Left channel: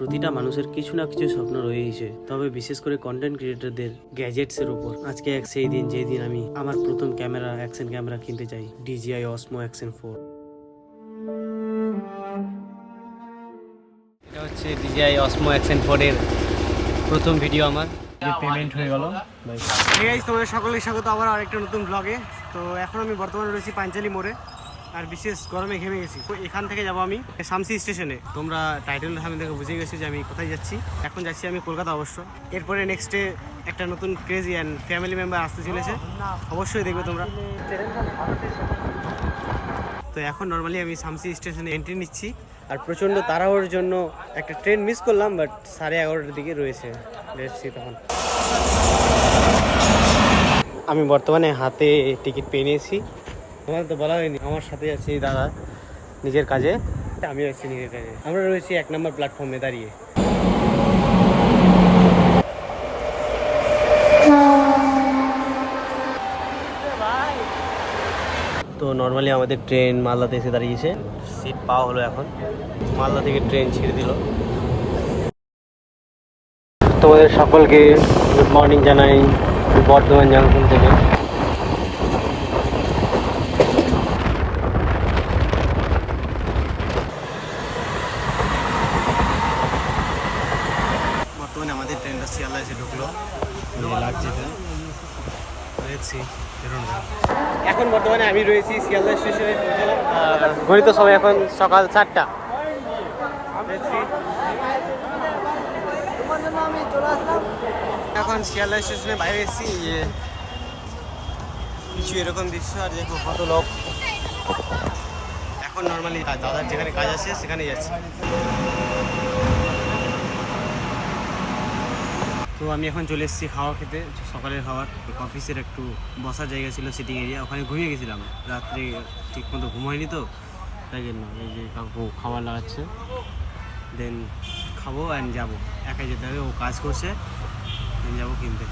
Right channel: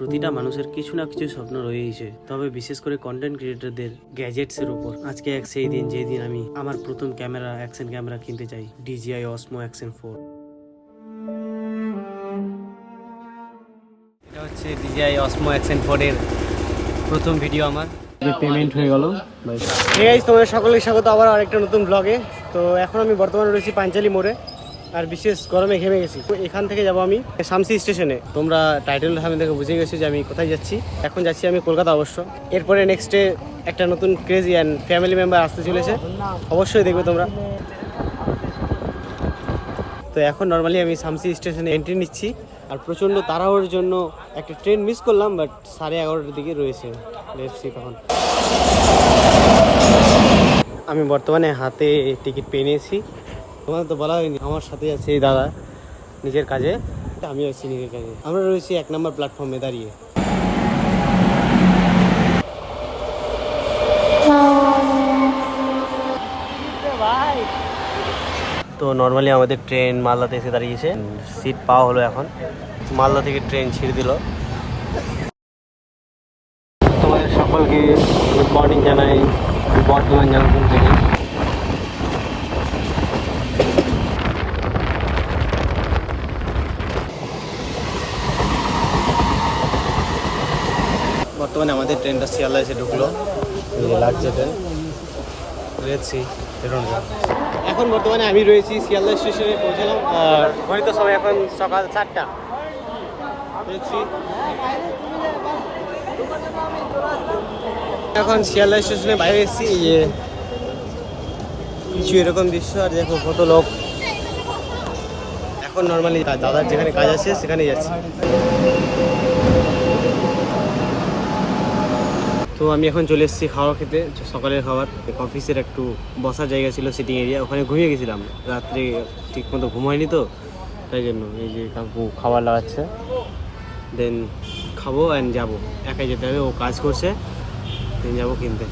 প্রতিটা মানুষের কিছু না কিছু স্বপ্ন রয়েছে, তবে বিশেষ করে কন্টেন্ট ক্রিয়েটরদের গ্যাজেটসের উপর। আজকে সেই দিন যেই দিন আমি আমার প্রথম অ্যাকশন ক্যামেরা কিনতে চাই, DJI Osmo Action 4। এটা হচ্ছে DJI Osmo Action 4 এর প্রথম ভিডিও আমার। পেমেন্ট হয়ে গেল। তোমাদের সকলের স্বাগত আবার আরেকটা নতুন ব্লগে। তো এখন আমি বর্তমানে রয়েছি পাঞ্চালি মোড়ে, আর বিশেষ গরমে ঘেমে গেছি। এখান থেকে যাব আমি শামসি স্টেশনে। তোমরা টাইটেল সামনে থেকে বুঝে গেছো যে আমি কোথায় যাচ্ছি। এখন যাচ্ছি আমি কলকাতা অবশ্য। এরপরে নেক্সটে একটা নতুন ক্রেজি অ্যান্ড ফ্যামিলি মেম্বার আসতে চলেছে, অবশ্যই দেখবে তোমরা। তো এখন নর্মালি আমি শামসি স্টেশনে এন্ট্রি নিচ্ছি, আর প্রচণ্ড তাড়াহুড়োর জন্য একটা ট্রেন মিস করলাম, বাট 11:30টার দিকে রয়েছে দেখছি। তখন আমি বর্তমানে হাতে টিকিট পেয়ে নিয়েছি। তোমার তো বলা হয়নি, আমার সাথে আছে এই দাদা নিজের কাজে, আমিও আছি নিজের কাজে। আমরা রয়েছি 1 নম্বর প্ল্যাটফর্মে দাঁড়িয়ে। তো নর্মালি আমাদের ট্রেন মালদাতে এসে দাঁড়িয়েছে, সিট পাওয়া হলো। এখন মালদা থেকে ট্রেন ছেড়ে দিল। তোমাদের সকলকে গুড মর্নিং জানাই বর্ধমান জংশন থেকে। বর্তমানে আমাদের ট্রেনটা শিয়ালদা এসে ঢুকলো, লাগছে ট্রেন রয়েছি। এখন বর্তমানে আমি রয়েছি শিয়ালদা স্টেশনে পৌঁছলাম। গণিত সময় এখন সকাল 4টা রয়েছি। এখন শিয়ালদা স্টেশনে বাইরে এসেছি, যে কিছু এরকম দৃশ্য, আর দেখো কত লোক। এখন নর্মালি দাদার যেখানে কাজ আছে সেখানেই যাচ্ছি। তো আমি এখন চলে এসেছি খাওয়া খেতে, সকালের খাবার। অফিসের একটু বসার জায়গা ছিল, সিটিং এরিয়া, ওখানে ঘুমিয়ে গেছিলাম। রাত্রে ঠিক মতো ঘুম হয়নি, তো তাই জন্য এই যে কাকু খাবার লাগাচ্ছে। দেন খাবো অ্যান্ড যাবো। একাই যেতে হবে, ও কাজ করছে, দেন যাবো কিনতে।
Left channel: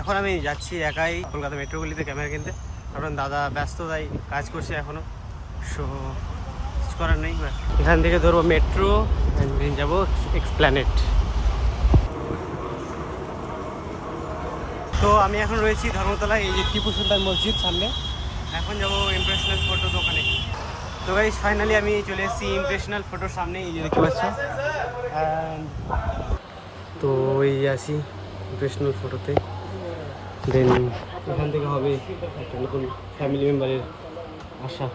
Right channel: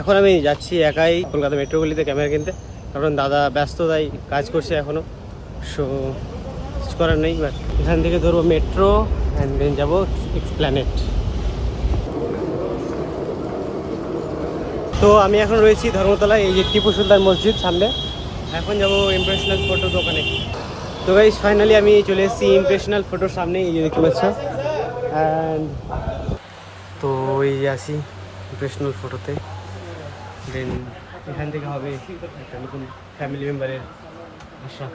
এখন আমি যাচ্ছি একাই কলকাতা মেট্রোপলিতে ক্যামেরা কিনতে, কারণ দাদা ব্যস্ত, তাই কাজ করছে এখনও। সো কিছু করার নেই, বাট এখান থেকে ধরবো মেট্রো অ্যান্ড দেন যাবো এক্সপ্ল্যানেড। তো আমি এখন রয়েছি ধর্মতলায়, এই যে টিপু সুলতান মসজিদ সামনে। এখন যাবো ইমপ্রেশনাল ফটো দোকানে। তো গাইস ফাইনালি আমি চলে এসেছি ইমপ্রেশনাল ফটোর সামনে, এই যে দেখতে পাচ্ছ। অ্যান্ড তো এই যে আছি ইমপ্রেশনাল ফটোতে। দেন এখান থেকে হবে একটা নতুন ফ্যামিলি মেম্বারের আশা।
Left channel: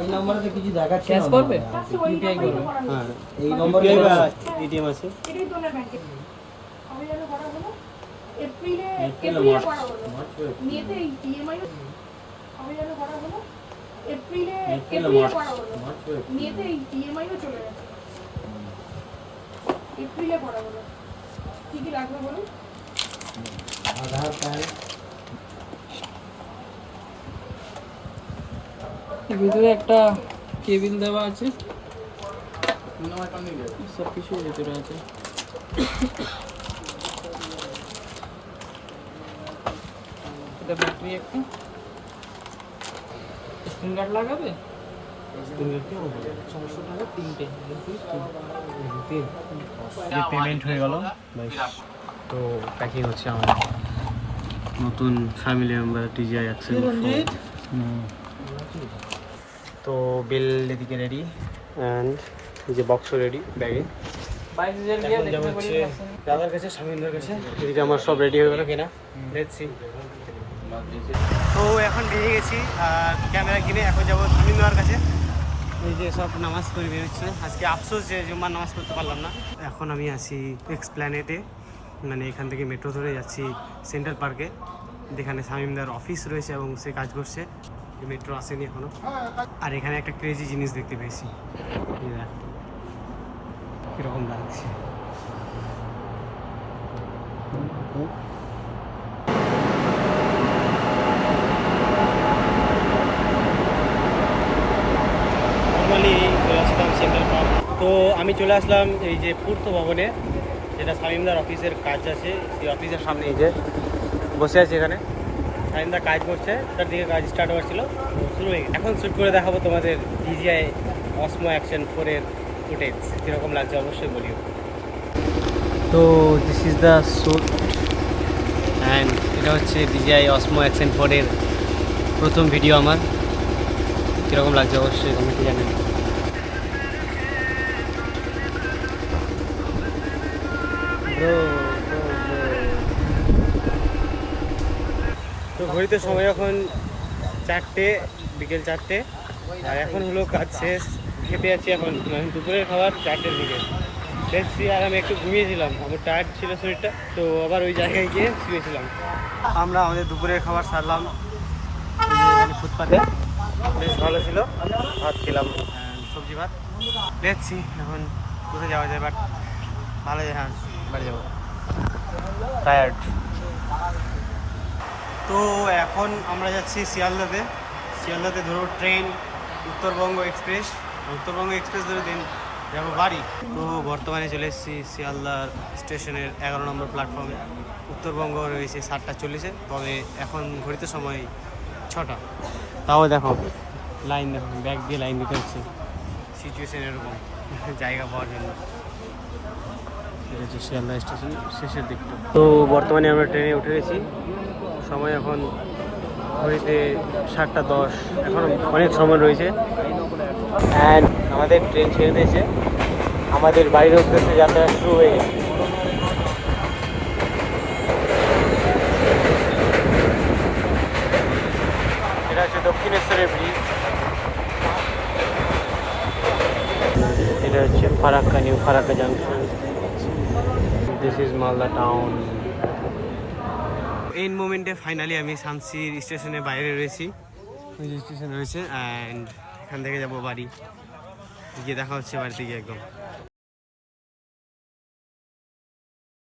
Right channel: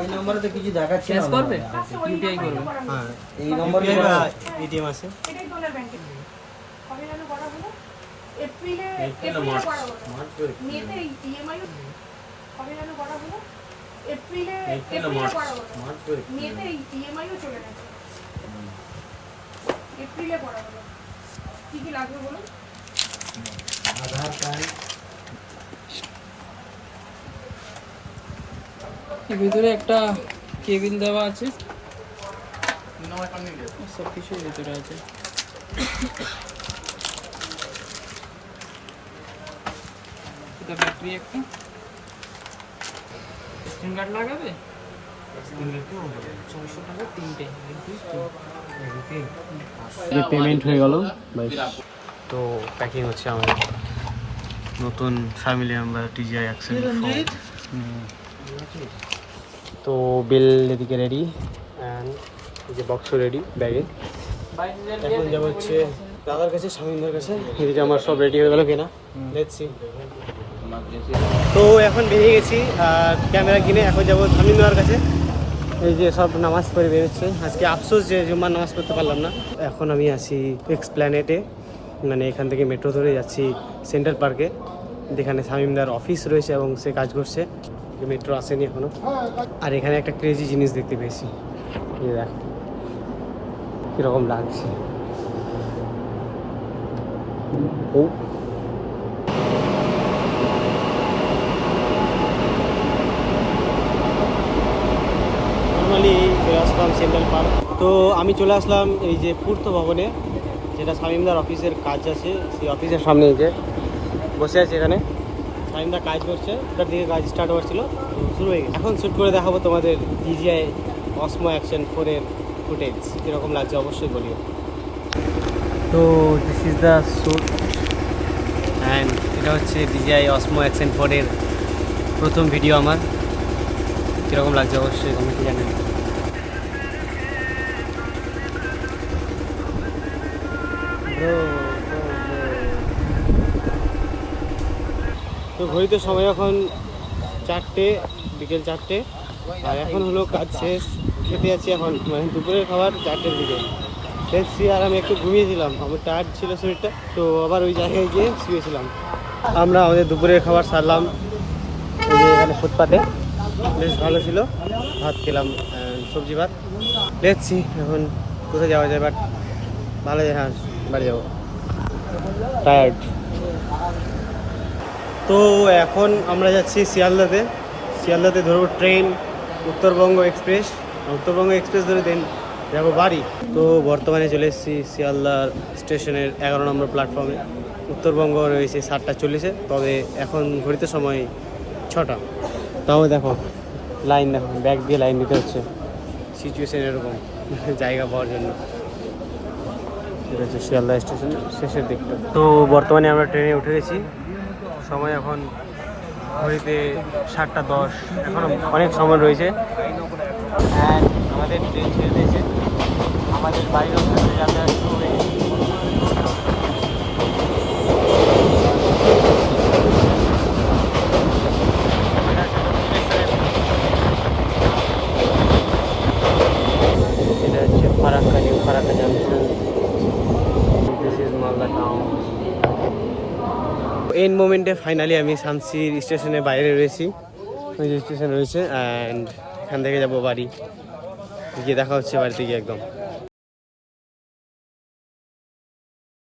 এই নম্বরে কিছু দেখাচ্ছে, ক্যাশ করবে, ইউপিআই করবে। হ্যাঁ, এই নম্বরে এটিএম আছে। আধার কার্ড, ভিতরে একটা কেবিল দেওয়া আছে, সব কিছু ভিতরে আছে। এটা ব্যাটারি, একটা স্ক্রিন গার্ড লাগাবে। 400 টাকা তিনটে। পেমেন্ট হয়ে গেল। তো প্যাকিং হচ্ছে আমার নতুন ফ্যামিলি মেম্বার DJI Action 4। তো বিল এদিকে রেডি, অ্যান্ড যে বক্স রেডি ব্যাগে। এখন যাবো হচ্ছে দাদার কাছে, স্বামীন্দার কাছে। এদিকে আমার সব রেডি হয়ে গেল কিনা দেখছি। তো এখন বেরিয়ে গেছি আর ক্যামেরা কিনে এখন যাবো স্বামীন্দার কাছে। এই যে সব নামাজ পড়ে বেরোচ্ছে। আজকে আফসোস যে জুম্মার নামাজ পড়তে পারলাম না। এখন আমি আসি এক্সপ্ল্যানেটে, মানে এখান থেকে মেট্রো ধরে যাচ্ছি সেন্ট্রাল পার্কে, যেখানে শামীমদার অফিস রয়েছে এবং সে কাজ করছে। মেট্রো আসেনি এখনো। আর এখানে একটা ক্রেজি জিনিস দেখতে পেয়েছি, কীরকম লাগছে। নর্মালি চলে আসলাম সেন্ট্রাল পার্ক। তো আমি চলে আসলাম এই যে পূর্ত ভবনে, যেটা শামীমদার অফিসের কাজ আছে, সেই অফিসের সামনে এই যে বসে আছে। এখানে শামীমদা কাজ করছে, তার দিকে কাজ স্টার্ট হওয়ার ছিল, তো শুরু হয়ে গেছে। এখন শ্যুট করে দেখাবো তোমাদের DJI Osmo Action 4 এর ফুটেজ কীরকম লাগছে অবশ্যই বলিও। তো this is the shoot and এটা হচ্ছে DJI Osmo Action 4-এর প্রথম ভিডিও আমার। কীরকম লাগছে অবশ্যই কমেন্টে জানেন। তো ঘড়িতে সময় এখন 4টে, বিকেল 4টে, আর এখন হলো কাজ শেষ, খেতে যাচ্ছি এখন, মানে দুপুরের খাবার 4টের দিকে দেখছি। আর আমি একটু ঘুমিয়েছিলাম, আমার টায়ার্ড ছিল শরীরটা, তো আবার ওই জায়গায় গিয়ে শুয়েছিলাম। আমরা আমাদের দুপুরের খাবার সারলাম এই যে এখানে ফুটপাতে, বেশ ভালো ছিল, ভাত খেলাম, সবজি ভাত। দেখছি এখন কোথায় যাওয়া যায়, বাট ভালো যায়, হ্যাঁ বাড়ি যাবো, টায়ার্ড। তো এখন আমরা যাচ্ছি শিয়ালদাতে ধরবো train Uttarbanga express, Uttarbanga express ধরে দেন যাবো বাড়ি। তো বর্তমানে চলে এসেছি শিয়ালদার স্টেশনের 11 নম্বর প্ল্যাটফর্মে। উত্তরবঙ্গ রয়েছে 7:40-এ, তবে এখন ঘড়িতে সময় 6টা। তাও দেখো লাইন, দেখো ব্যাগ দিয়ে লাইন দিতে হচ্ছে, সিচুয়েশন এরকম জায়গা পাওয়ার জন্য। এটা হচ্ছে শিয়ালদা স্টেশনের শেষের দিকটা। তো বর্তমানে আমরা ট্রেনে উঠে গেছি, সময় এখন ঘড়িতে 7:10, এখনও অনেক সময় রয়েছে। অ্যান্ড আমাদের ট্রেন ছেড়ে দিয়েছে, আমাদের বাইরের উদ্দেশ্যে যাত্রা শুরু হয়ে গেছে। এটা হচ্ছে দক্ষিণেশ্বরের ব্রিজ, এটা হচ্ছে Farakka, new Farakka junction. This is Malda town. And মোমেন্টে ফাইনালি আমি শামসির স্টেশনের বাইরে রয়েছি, ওই যে স্টেশন রয়েছে, অ্যান্ড এখান থেকে যাবো বাড়ি, গিয়ে দেখা হচ্ছে বাড়িতে গিয়ে একদম।